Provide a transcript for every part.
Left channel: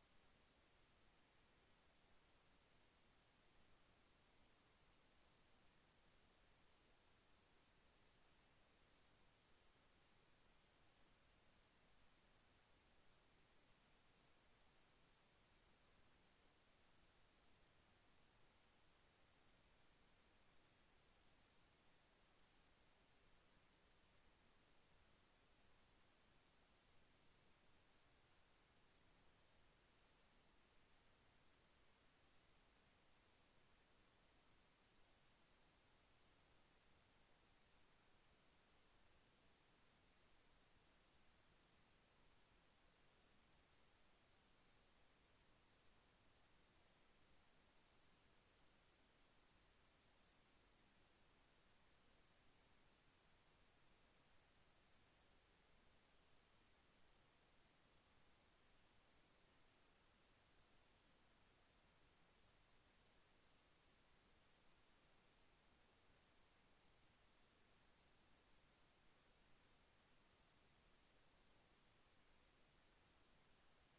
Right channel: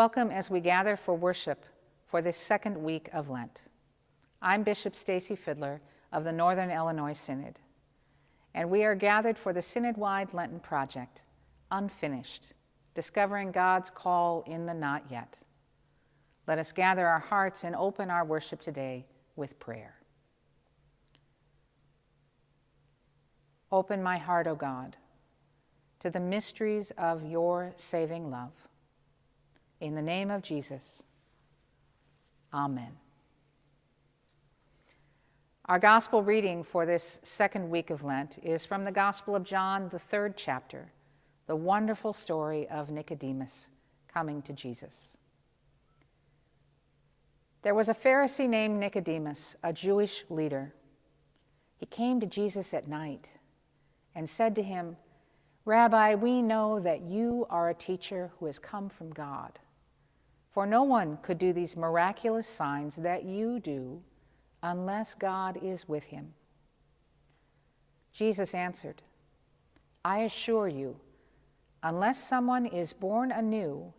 Welcome as we gather for worship for this second week of Lent. I'm Bishop Stacy Fiddler of the Northern Illinois Synod, and we are gathered for the Synod-wide Lenten project, Unfinished, Discovering God's Call in the Not Yet. Let us gather our hearts and open our worship today with prayer. Open my heart, O God, to the mysteries of your saving love. In the name of Jesus, amen. Our gospel reading for this second week of Lent is from the Gospel of John, the 3rd chapter, the wonderful story of Nicodemus coming to Jesus. There was a Pharisee named Nicodemus, a Jewish leader. He came to Jesus at night and said to him, "Rabbi, we know that you are a teacher who has come from God. For no one could do these miraculous signs that you do unless God is with him." Jesus answered, "I assure you, unless someone is born anew,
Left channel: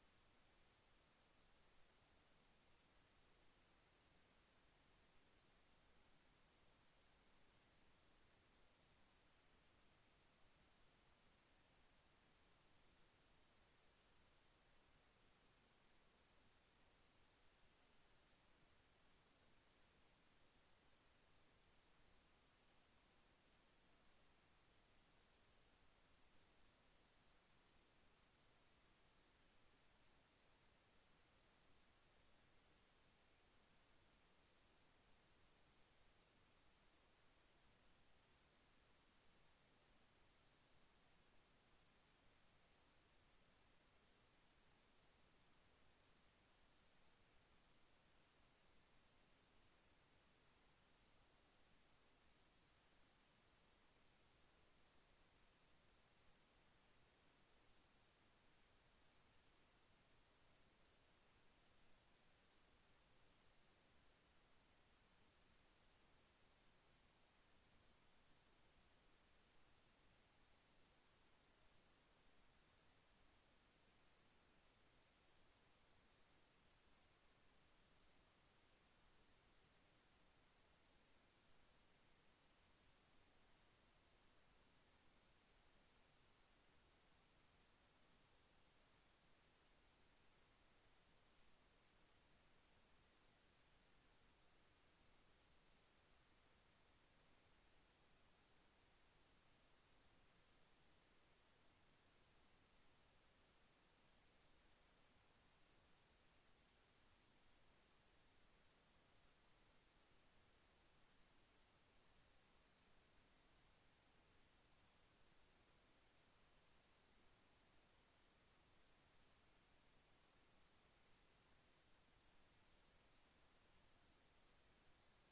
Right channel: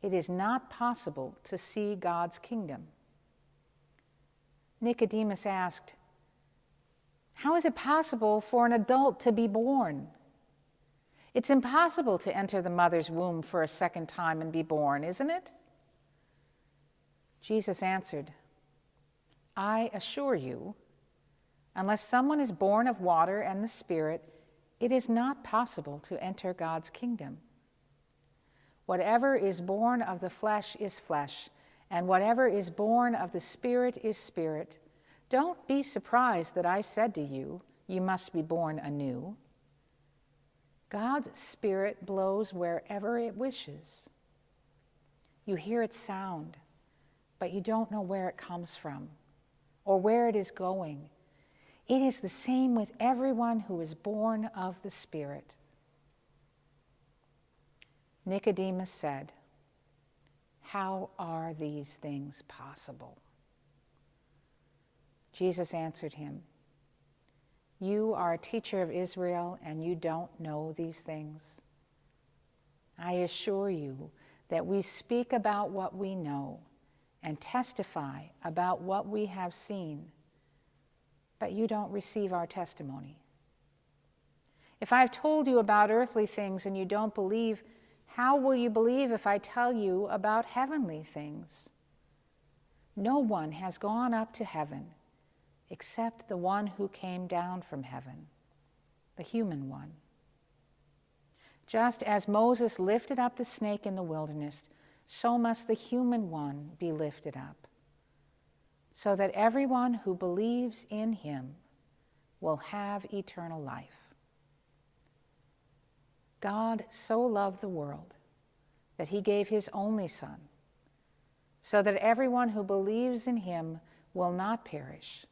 it is not possible to see God's kingdom." Nicodemus asked, "How is it possible for an adult to be born? It's impossible to enter the mother's womb for a second time and be born, isn't it?" Jesus answered, "I assure you, unless someone is born of water and the Spirit, it is not possible to enter God's kingdom. Whatever is born of the flesh is flesh, and whatever is born of the Spirit is spirit. Don't be surprised that I said to you, you must be born anew. God's Spirit blows wherever it wishes. You hear its sound, but you don't know where it comes from or where it is going. It is the same with everyone who is born of the Spirit." Nicodemus said, "How are these things possible?" Jesus answered him, "You are a teacher of Israel, and you don't know these things. I assure you that we speak about what we know and testify about what we have seen, but you don't receive our testimony. If I've told you about earthly things and you don't believe, how will you believe if I tell you about heavenly things? No one has gone up to heaven except the one who came down from heaven, the human one. Just as Moses lifted up the snake in the wilderness, so must the human one be lifted up, so that everyone who believes in him will have eternal life. God so loved the world that he gave his only Son, so that everyone who believes in him will not perish,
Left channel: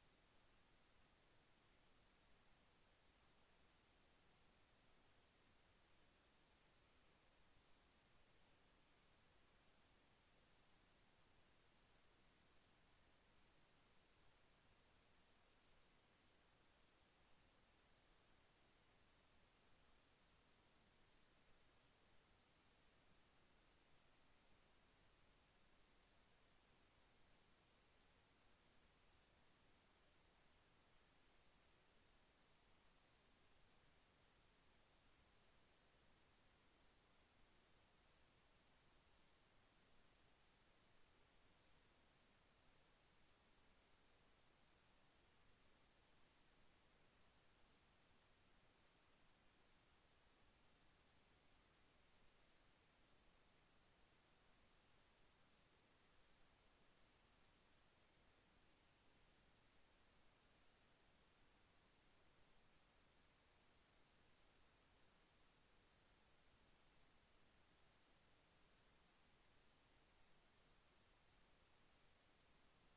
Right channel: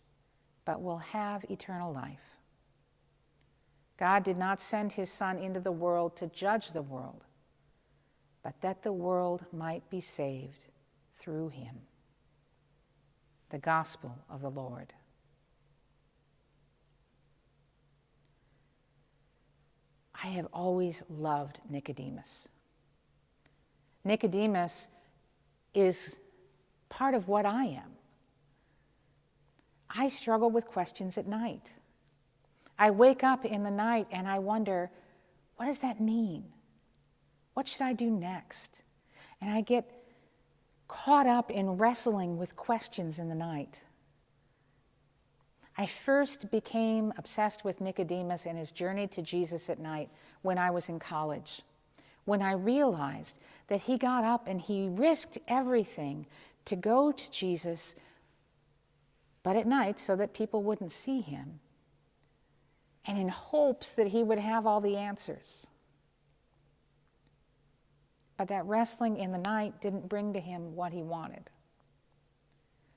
but will have eternal life. God did not send his Son into the world to judge the world, but that the world might be saved through him." The Gospel of the Lord. I have always loved Nicodemus. Nicodemus is part of what I am. I struggle with questions at night. I wake up in the night and I wonder, what does that mean? What should I do next? And I get caught up in wrestling with questions in the night. I first became obsessed with Nicodemus and his journey to Jesus at night when I was in college, when I realized that he got up and he risked everything to go to Jesus, but at night so that people wouldn't see him, and in hopes that he would have all the answers. But that wrestling in the night didn't bring to him what he wanted.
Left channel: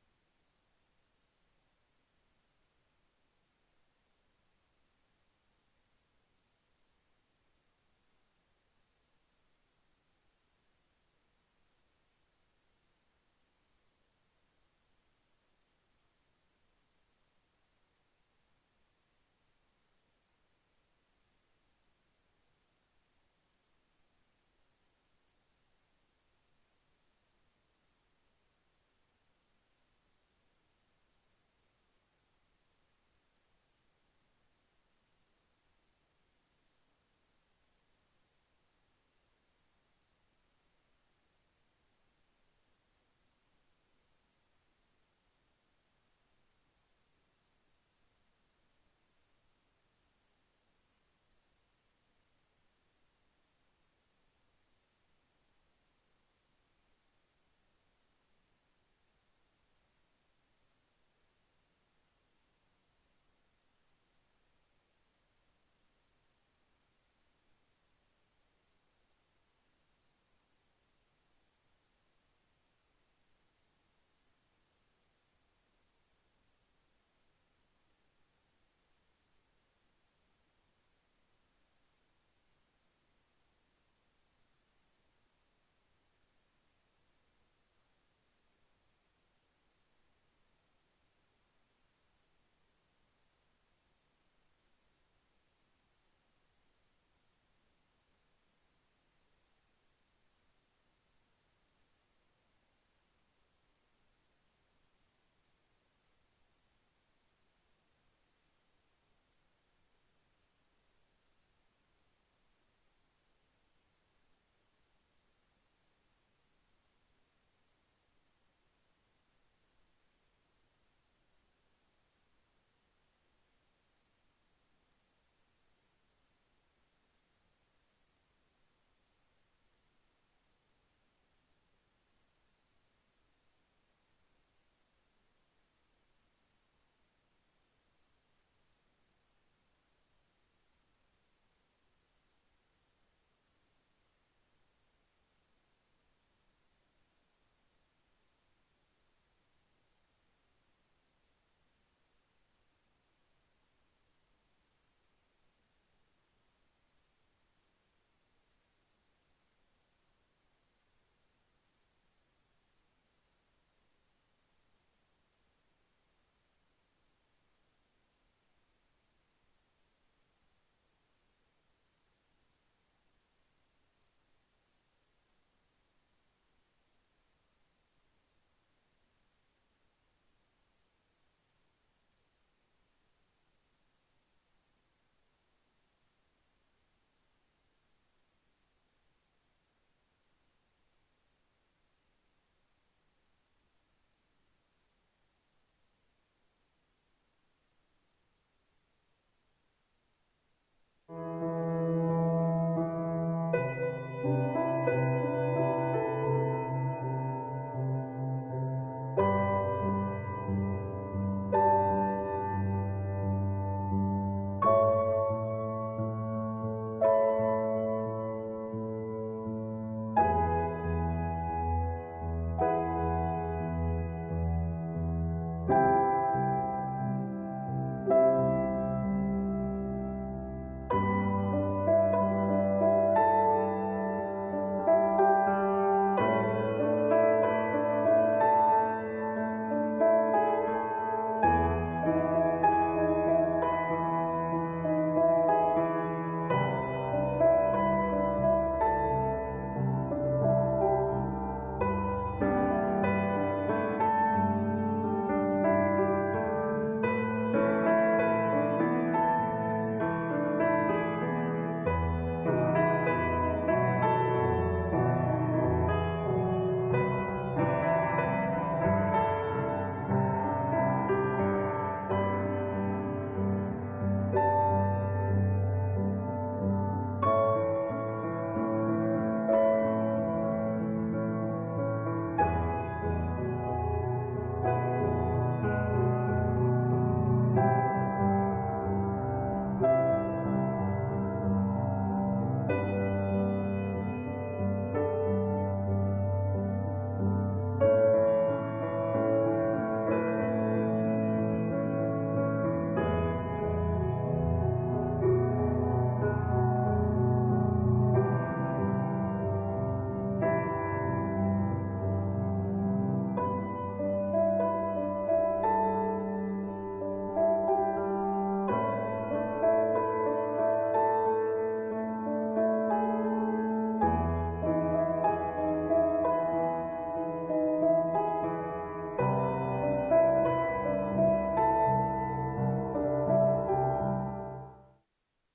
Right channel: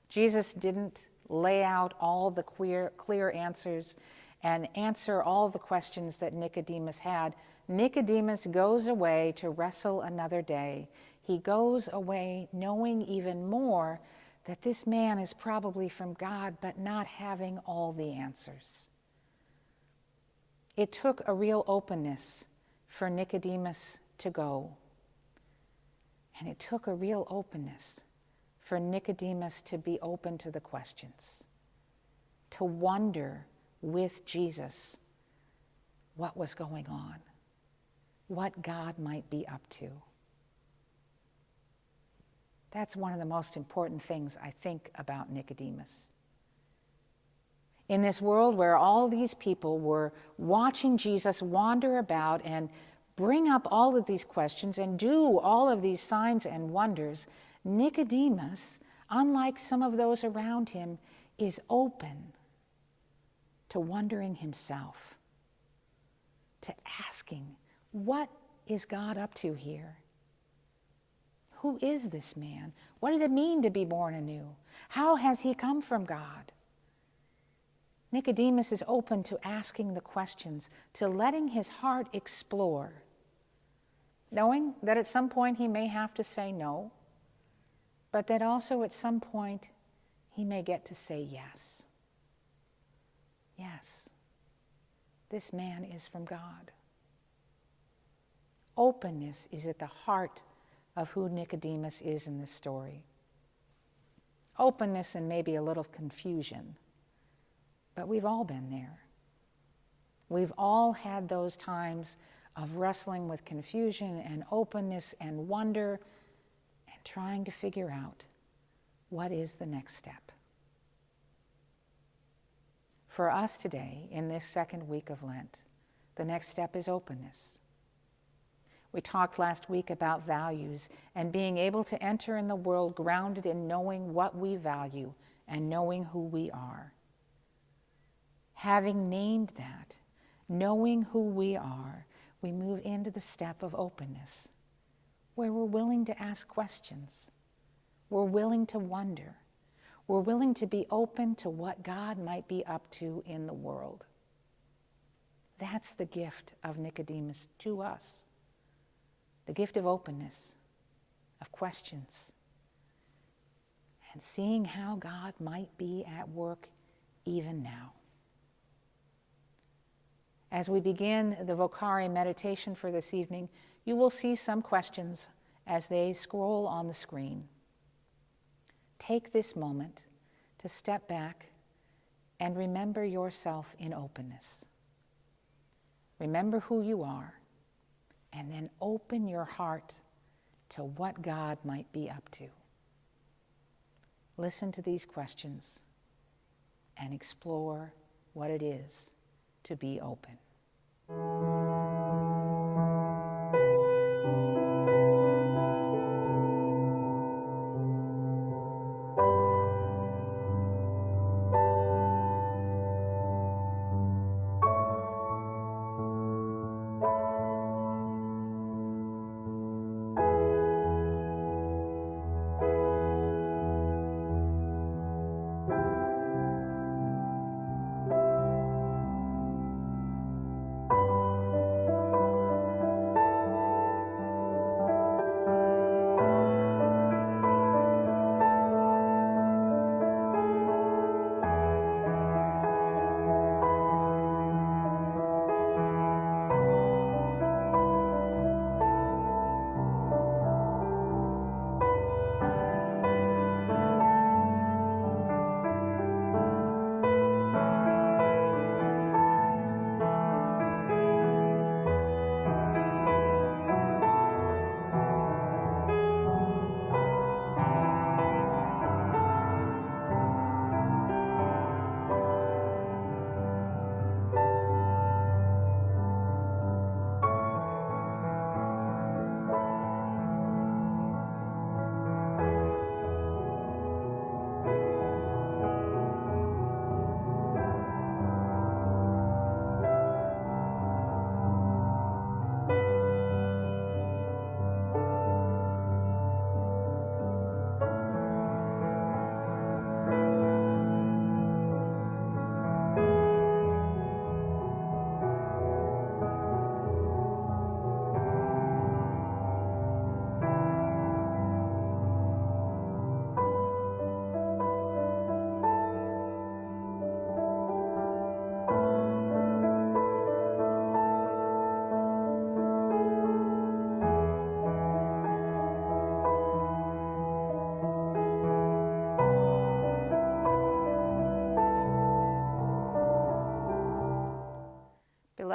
Jesus didn't lay out all the clear answers and answer all the questions that Nicodemus had. Nicodemus goes away to wrestle another day. He goes away knowing even more that this man is probably from God, but not having all the answers. It took a real openness for Nicodemus to go. And it took a real openness for Nicodemus to be open to the questions, to wonder with Jesus what was going on, what God might be up to. That's one of the most important things I think about Nicodemus. In this world where all these people were watching Jesus wander about and bring up all of these questions and do all of these signs and wonders, Nicodemus, unlike some of those around him, is open to wondering himself, to asking, what is God up to here? Who is this man? What does it mean to be born anew? How has he come from God? Nicodemus is open to asking the questions, to letting his heart explore, knowing that at some point he may have to say no, but that also at some point he may get to say yes. Yes, this man is from God. Openness is at the heart of who Nicodemus is in this story. Openness and maybe a little confusion, but we've all been there. We've all had those times of wrestling with confusion and openness and wonder and trying to figure out what is the next step. For us today, in this second week of Lent, the next step is openness. We talked last week about values and being able to enter in the world grounded in knowing what we value and knowing who we are. Having named that, knowing who we are, we move into the step of openness, where we're willing to ask questions. We're willing to wonder. We're willing to be open to what God might be up to in the world. That's the gift of Nicodemus to us. The gift of openness, of questions, and seeing how God might be at work even now. As we begin the Vocare meditation for this evening, you will see some questions as they scroll on the screen. Take this moment to step back and remember yourself in openness. Remember who you are, and then open your heart to what God might be up to. Listen to these questions and explore what it is to be open.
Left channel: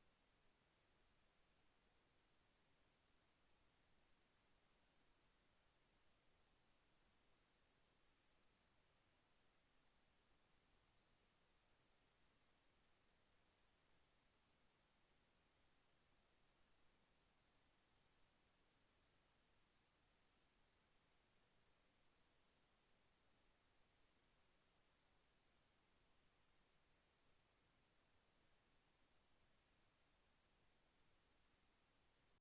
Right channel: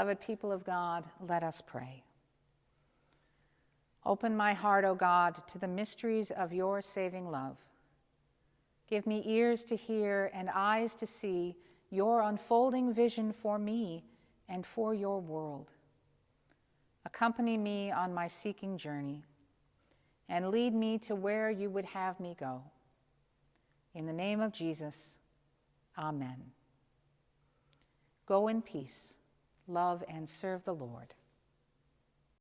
Beloved people of God, let us pray. Open my heart, O God, to the mysteries of your saving love. Give me ears to hear and eyes to see your unfolding vision for me and for your world. Accompany me on my seeking journey and lead me to where you would have me go. In the name of Jesus, amen. Go in peace, love and serve the Lord.